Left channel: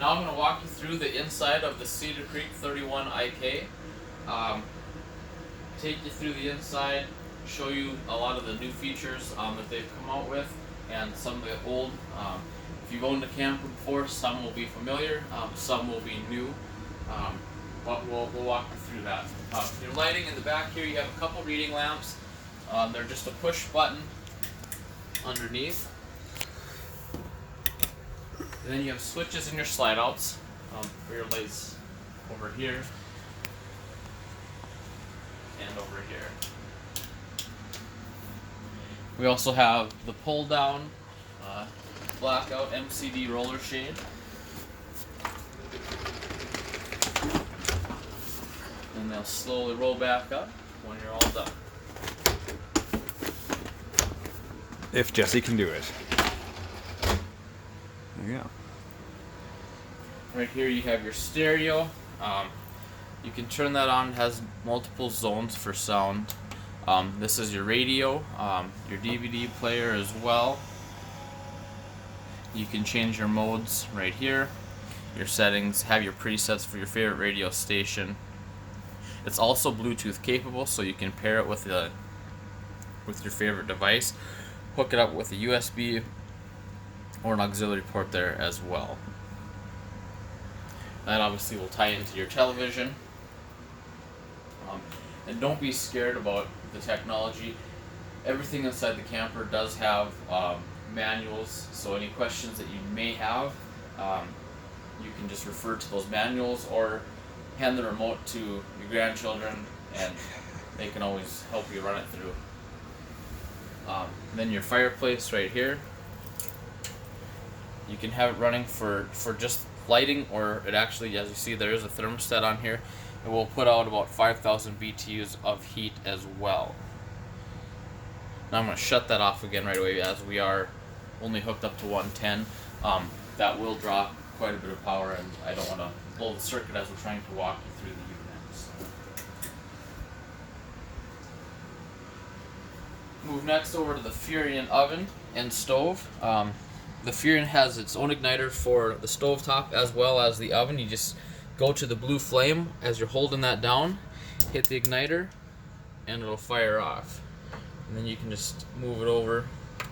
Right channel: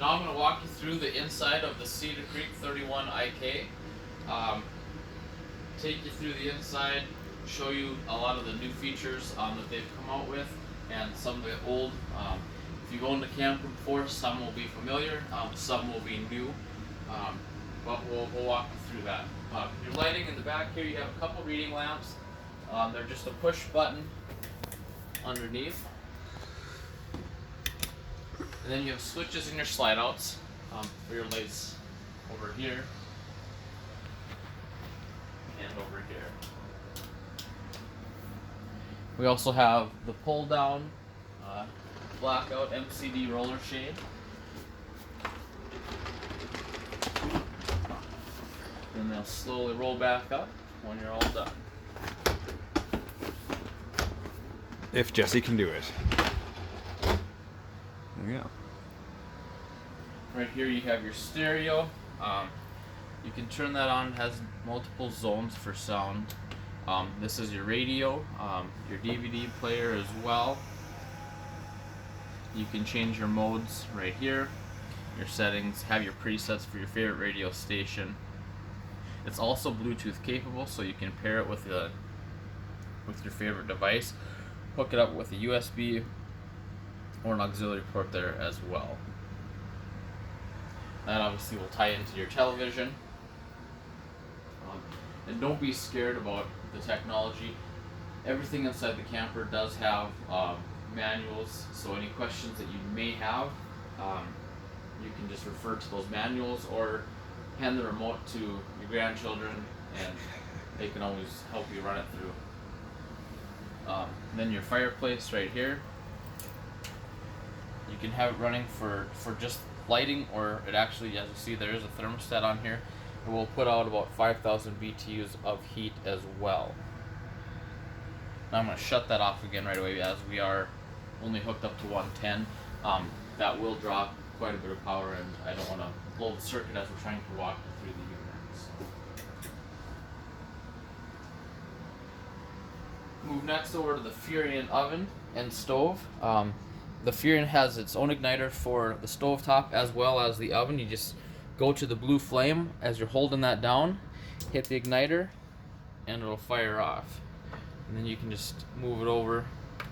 Now I'm going to walk you through the inside of the Cedar Creek 31 IK. Take you through the inside, show you a lot of the new features that they've come out with, and some of the old. If you've owned a camper before, some will be familiar, some will be new, but we'll walk you through that. Your lighting in the back here, you have a couple reading lamps. They're just a push button underneath. And then you have switches in your slide outs for your lights over here and over here. We also have the pull down blackout MCD roller shade. And they'll slowly roll back up when you're all done. If Jesse can do it. There you go. Right here you have your stereo. You can turn that on. It has multiple zones for sound. This is your radio, your DVD player as well. You can change your modes right here. Your settings, have your presets for your favorite radio station. It's also Bluetooth capable, so you can pair it with your favorite device. Hook it up with a USB or an auxiliary port there as well. That obviously will tie into your television. And don't be scared about the technology. Everything inside the camper does have manuals, so any questions that you may have, you can just refer to those manuals or hand the remote to your grandchildren and they can always help you run it through. Then your fireplace right here. You can have it running for just lighting, or it actually, as you see, there is a thermostat on here. It will put out about 5,000 BTUs of heat as well. Now I'm going to shut that off again right away as we are only hooked up to 110. That will draw quite a bit of power, and I don't want to blow the circuit as we're trying to walk you through the units. Move next over to the Furion oven and stove. The Furion has its own igniter for the stove top as well as the oven. You just go to the blue flame as you're holding that down, hit the igniter, and it'll fire off. And then you can just move it over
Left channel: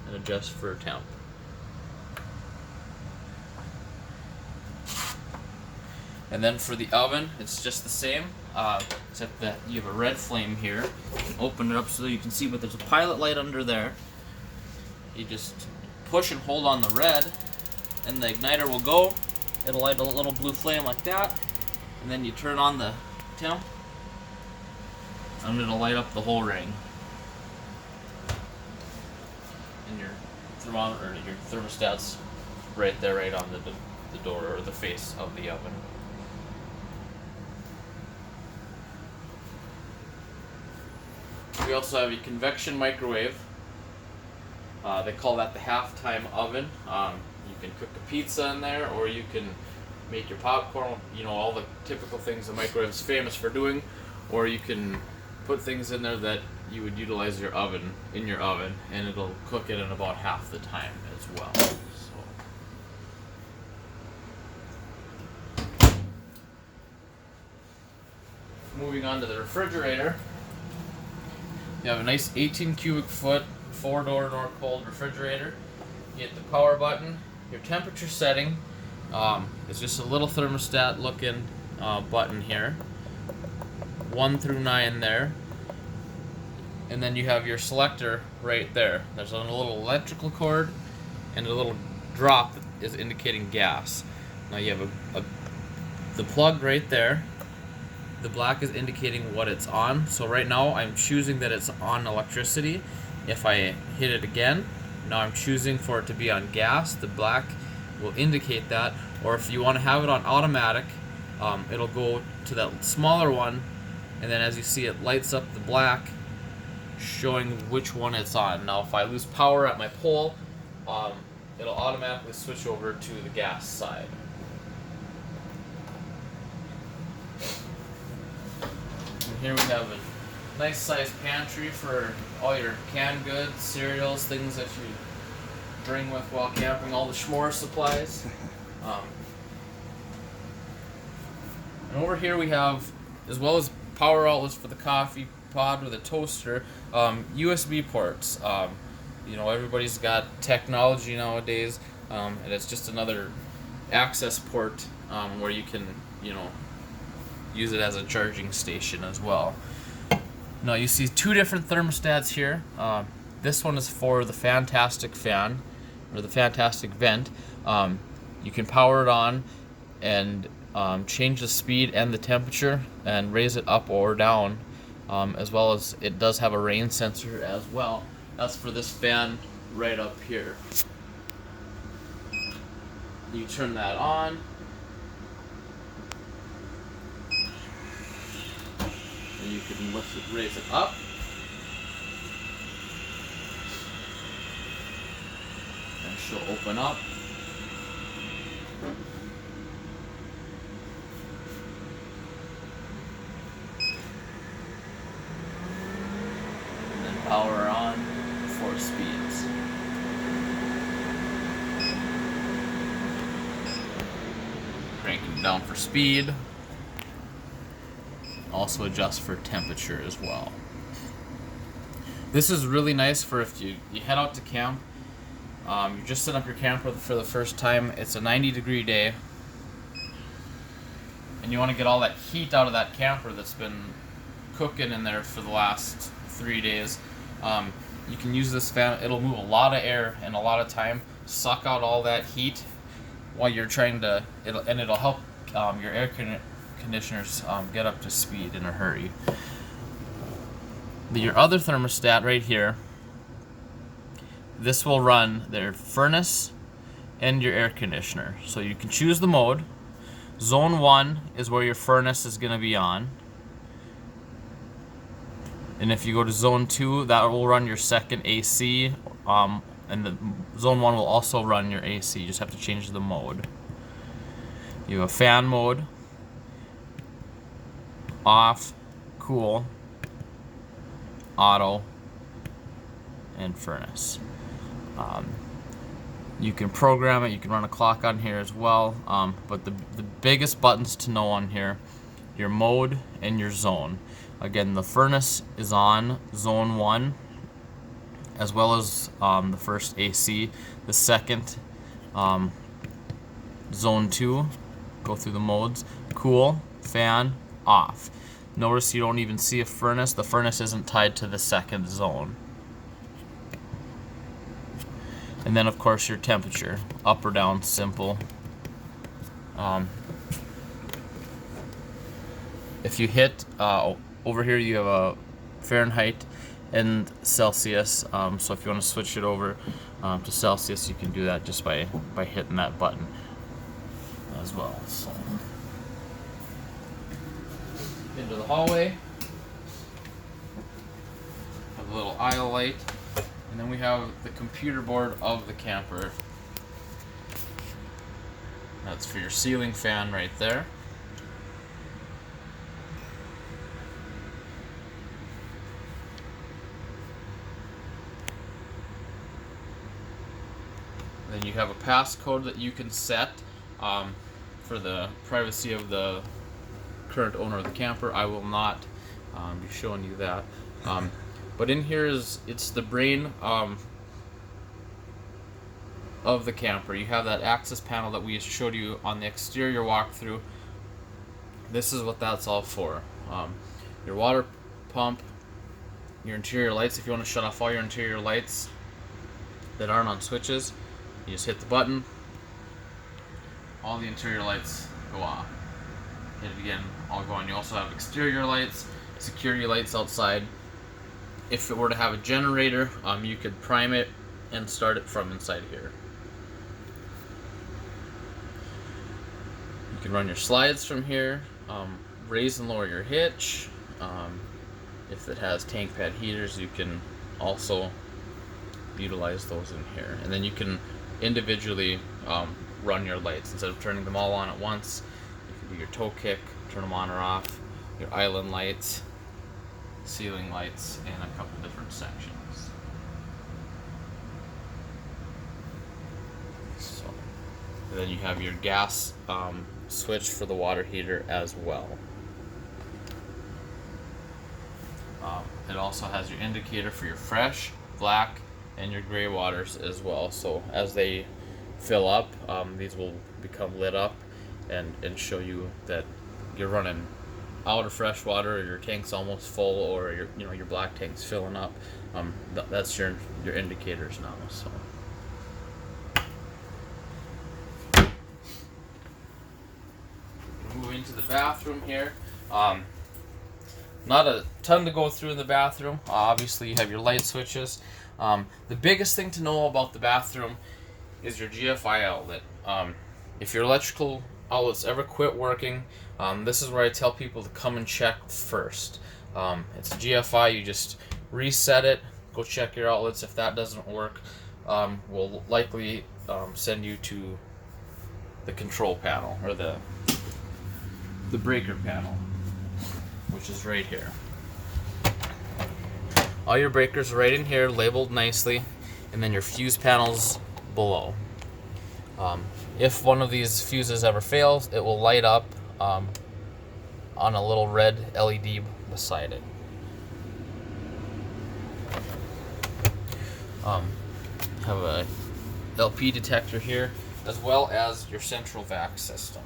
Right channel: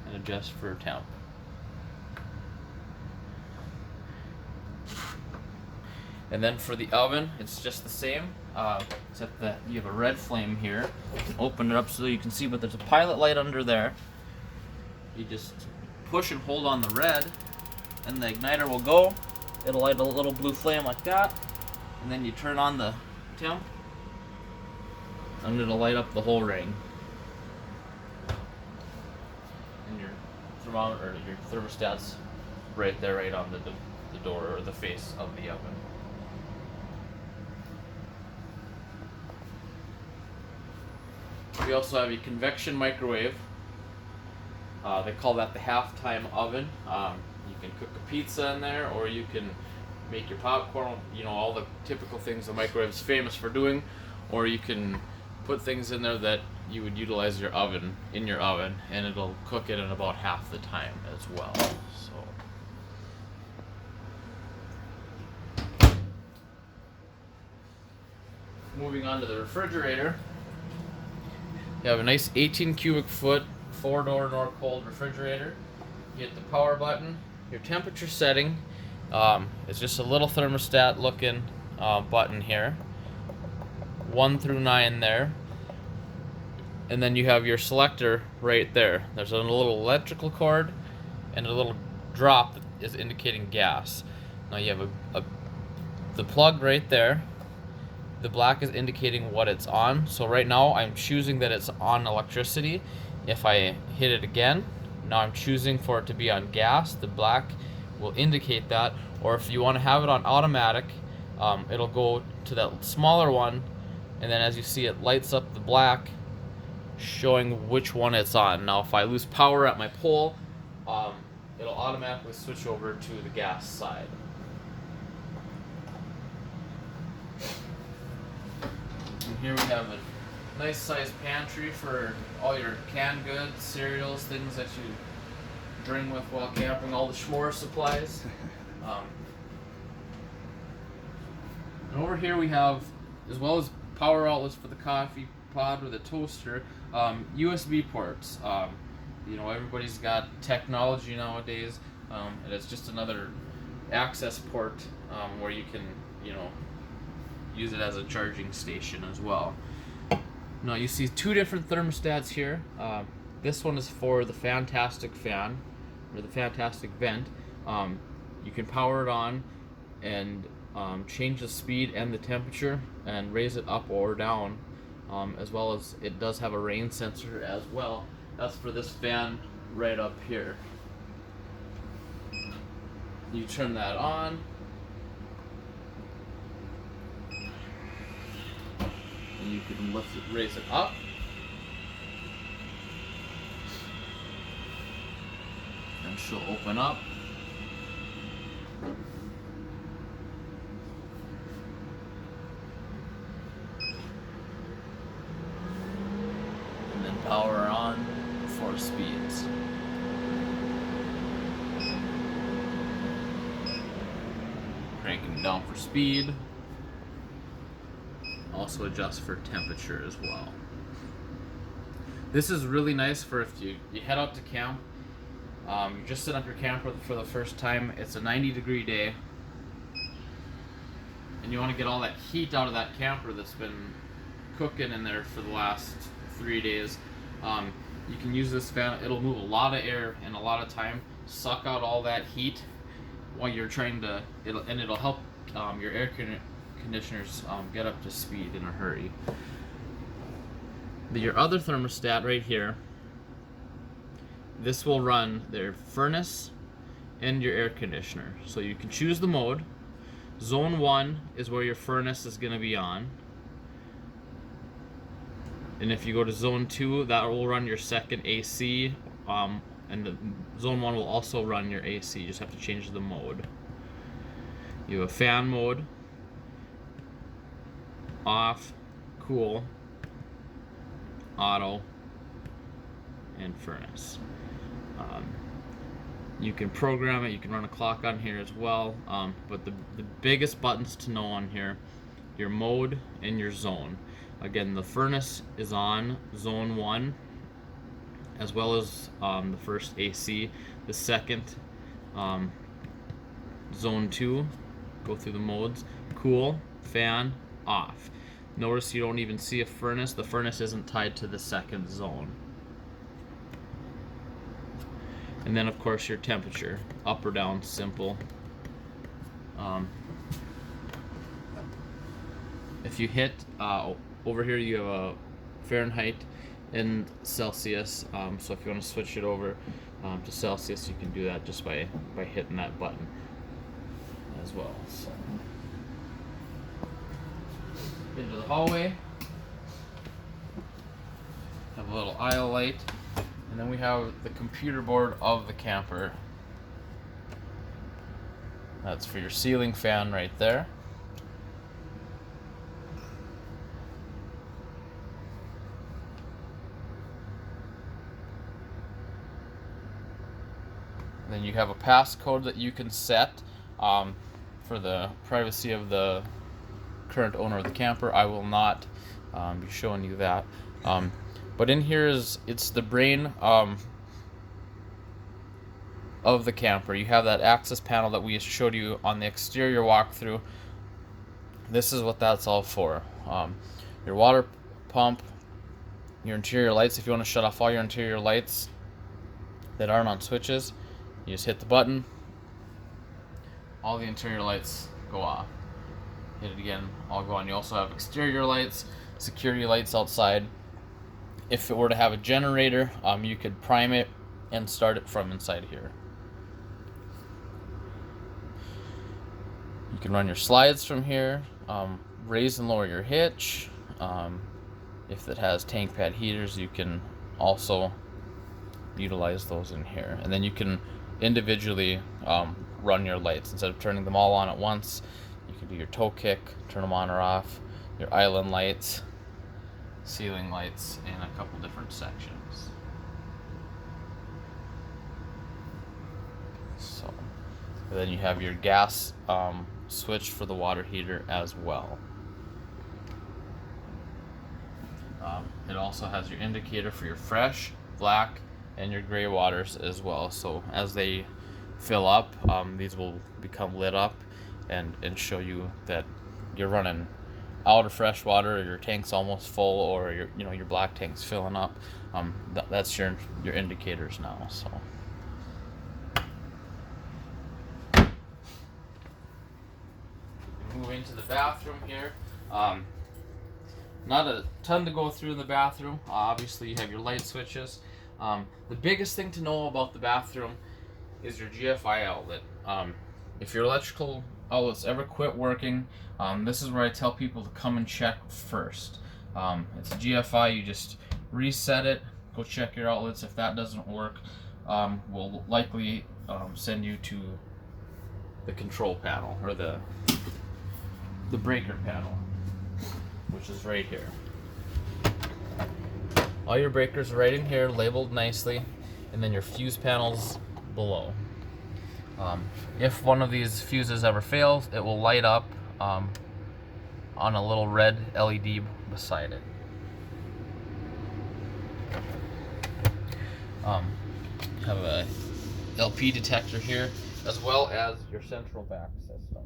and adjust for temp. And then for the oven, it's just the same, except that you have a red flame here. Open it up so you can see, but there's a pilot light under there. You just push and hold on the red, and the igniter will go. It'll light a little blue flame like that, and then you turn on the temp, and it'll light up the whole ring. And your thermometer, your thermostat's right there, right on the door or the face of the oven. We also have a convection microwave. They call that the halftime oven. You can cook a pizza in there, or you can make your popcorn, all the typical things the microwave is famous for doing, or you can put things in there that you would utilize your oven in your oven, and it'll cook it in about half the time as well. So, moving on to the refrigerator, you have a nice 18 cubic foot 4-door Norcold refrigerator. You hit the power button. Your temperature setting is just a little thermostat looking button here, 1 through 9 there, and then you have your selector right there. There's a little electrical cord and a little drop that is indicating gas. Now you have the plug right there. The black is indicating what it's on. So right now I'm choosing that it's on electricity. If I hit it again, now I'm choosing for it to be on gas. The black will indicate that. Or if you want to have it on automatic, it'll go to that smaller one, and then as you see, it lights up the black, showing which one it's on. Now if I lose power at my pole, it'll automatically switch over to the gas side. And here we have a nice sized pantry for all your canned goods, cereals, things that you bring with while camping, all the s'more supplies. And over here we have, as well as power outlets for the coffee pod or the toaster, USB ports. Everybody's got technology nowadays, and it's just another access port where you can, use it as a charging station as well. Now you see two different thermostats here. This one is for the Fantastic Fan, or the Fantastic Vent. You can power it on and change the speed and the temperature and raise it up or down, as well as it does have a rain sensor as well. That's for this fan right up here. You turn that on. And you can raise it up. And she'll open up. And then power on 4 speeds. Cranking down for speed. Also adjust for temperature as well. This is really nice for if you head out to camp. You're just setting up your camper for the first time. It's a 90-degree day, and you want to get all that heat out of that camper that's been cooking in there for the last 3 days. You can use this fan. It'll move a lot of air and a lot of time, suck out all that heat while you're trying to. It'll help your air conditioners get up to speed in a hurry. Your other thermostat right here, this will run their furnace and your air conditioner. So you can choose the mode. Zone 1 is where your furnace is going to be on. And if you go to Zone 2, that will run your second AC. And the Zone 1 will also run your AC. You just have to change the mode. You have a fan mode, off, cool, auto, and furnace. You can program it, you can run a clock on here as well, but the biggest buttons to know on here, your mode and your zone. Again, the furnace is on Zone 1, as well as the first AC. The second, Zone 2, go through the modes, cool, fan, off. Notice you don't even see a furnace. The furnace isn't tied to the second zone. And then of course your temperature, up or down, simple. If you hit, over here you have a Fahrenheit and Celsius, so if you want to switch it over to Celsius, you can do that just by hitting that button as well. So, into the hallway, have a little aisle light. And then we have the computer board of the camper. That's for your ceiling fan right there. Then you have a passcode that you can set for the privacy of the current owner of the camper. I will not be showing you that. But in here it's the brain of the camper. You have that access panel that we showed you on the exterior walkthrough. This is what that's all for. Your water pump, your interior lights. If you want to shut off all your interior lights that aren't on switches, you just hit the button. All the interior lights go off. Hit it again, all go on. You also have exterior lights, security lights outside. If it were to have a generator, you could prime it and start it from inside here. You can run your slides from here, raise and lower your hitch. If it has tank pad heaters, you can also utilize those in here. And then you can individually run your lights. Instead of turning them all on at once, you can do your toe kick, turn them on or off, your island lights, ceiling lights in a couple different sections. So And then you have your gas switch for the water heater as well. It also has your indicator for your fresh, black, and your gray waters as well. So as they fill up, these will become lit up and show you that you're running out of fresh water, or your tank's almost full, or your black tank's filling up. That's your indicators now. So. Move into the bathroom here. Not a ton to go through in the bathroom. Obviously, you have your light switches. The biggest thing to know about the bathroom is your GFI outlet. If your electrical outlets ever quit working, this is where I tell people to come and check first. It's a GFI, you just reset it, go check your outlets. If that doesn't work, we'll likely send you to the control panel, or the breaker panel, which is right here. All your breakers are right in here, labeled nicely, and then your fuse panels below. If one of these fuses ever fails, it will light up on a little red LED beside it. Have a LP detector here, as well as your central vac system.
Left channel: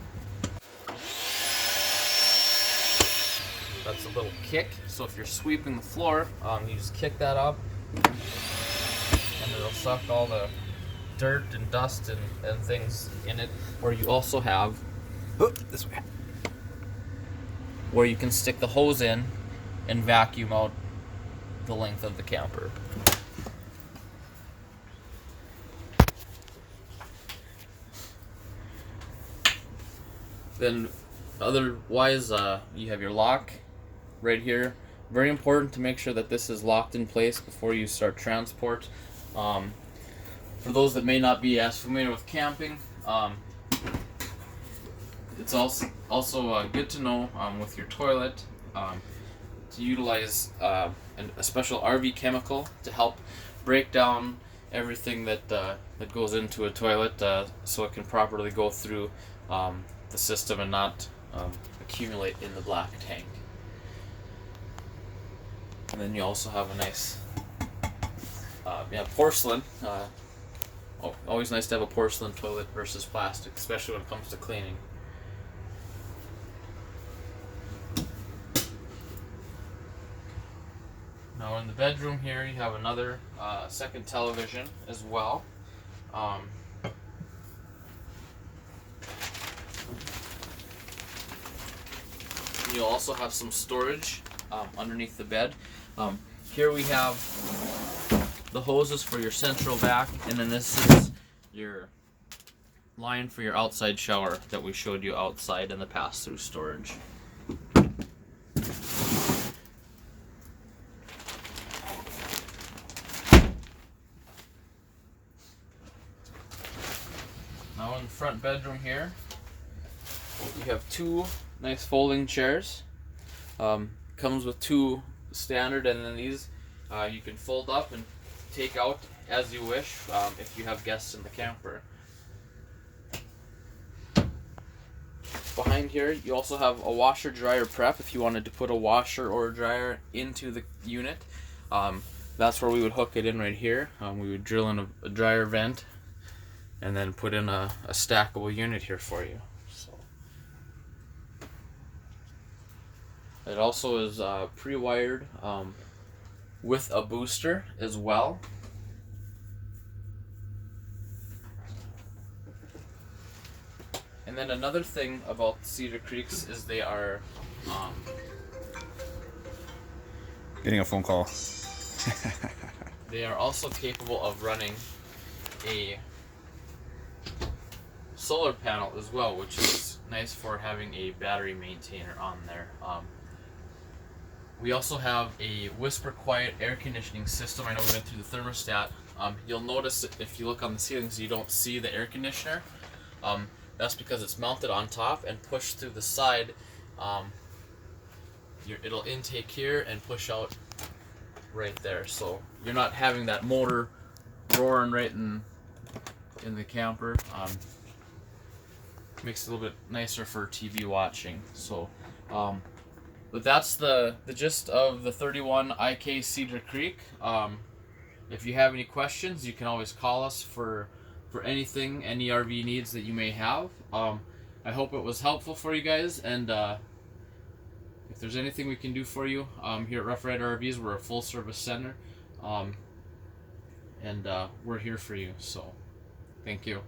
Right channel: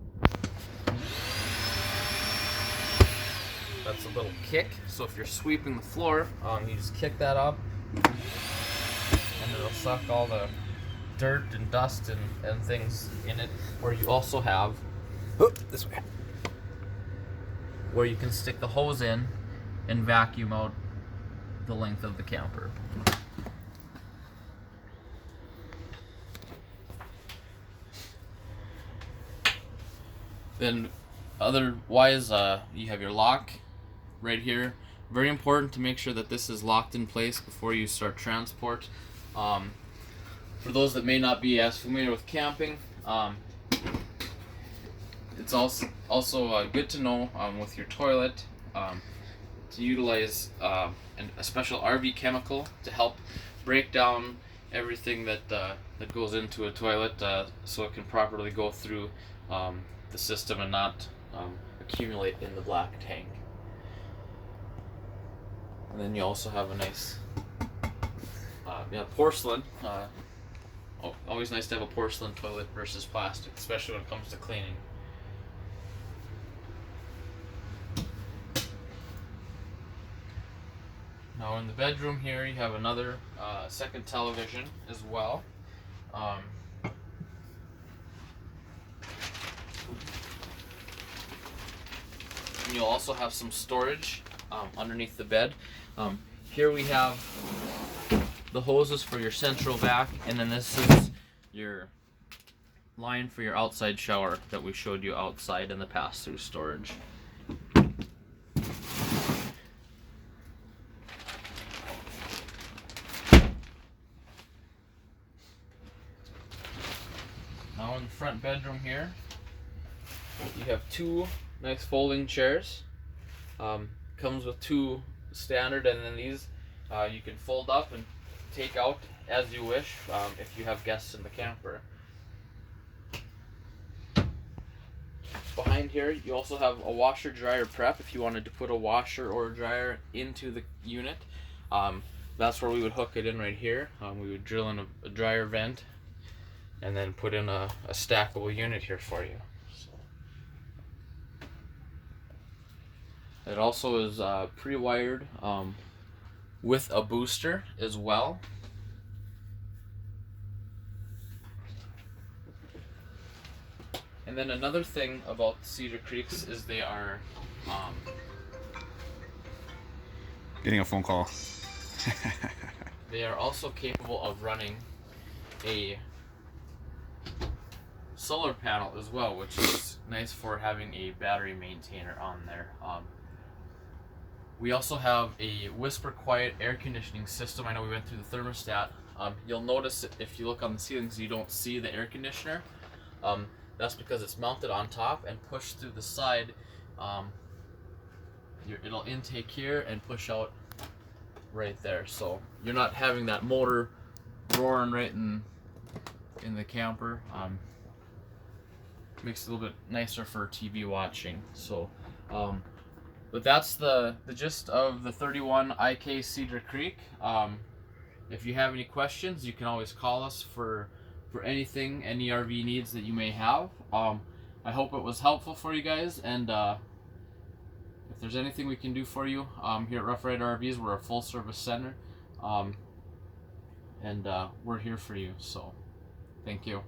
That's a little kick, so if you're sweeping the floor, you just kick that up, and it'll suck all the dirt and dust and things in it. Or you also have This way. where you can stick the hose in and vacuum out the length of the camper. Then otherwise, you have your lock right here. Very important to make sure that this is locked in place before you start transport. For those that may not be as familiar with camping, it's also good to know with your toilet to utilize a special RV chemical to help break down everything that goes into a toilet, so it can properly go through the system and not accumulate in the black tank. And then you also have a nice porcelain. Always nice to have a porcelain toilet versus plastic, especially when it comes to cleaning. Now in the bedroom here, you have another second television as well. You'll also have some storage underneath the bed. Here we have the hoses for your central vac, and then this is your line for your outside shower that we showed you outside in the pass-through storage. Now in the front bedroom here, you have two nice folding chairs. Comes with two standard, and then these you can fold up and take out as you wish if you have guests in the camper. Behind here, you also have a washer dryer prep if you wanted to put a washer or a dryer into the unit. That's where we would hook it in right here. We would drill in a dryer vent and then put in a stackable unit here for you. It also is pre-wired with a booster as well. And then another thing about Cedar Creeks is they are Getting a phone call. they are also capable of running a solar panel as well, which is nice for having a battery maintainer on there. We also have a whisper quiet air conditioning system. I know we went through the thermostat. You'll notice that if you look on the ceilings, you don't see the air conditioner. That's because it's mounted on top and pushed through the side. It'll intake here and push out right there. So you're not having that motor roaring right in the camper. Makes it a little bit nicer for TV watching. So, but that's the gist of the 31 IK Cedar Creek. If you have any questions, you can always call us for anything, any RV needs that you may have. I hope it was helpful for you guys, and if there's anything we can do for you here at Rough Rider RVs, we're a full service center, and we're here for you. So, thank you.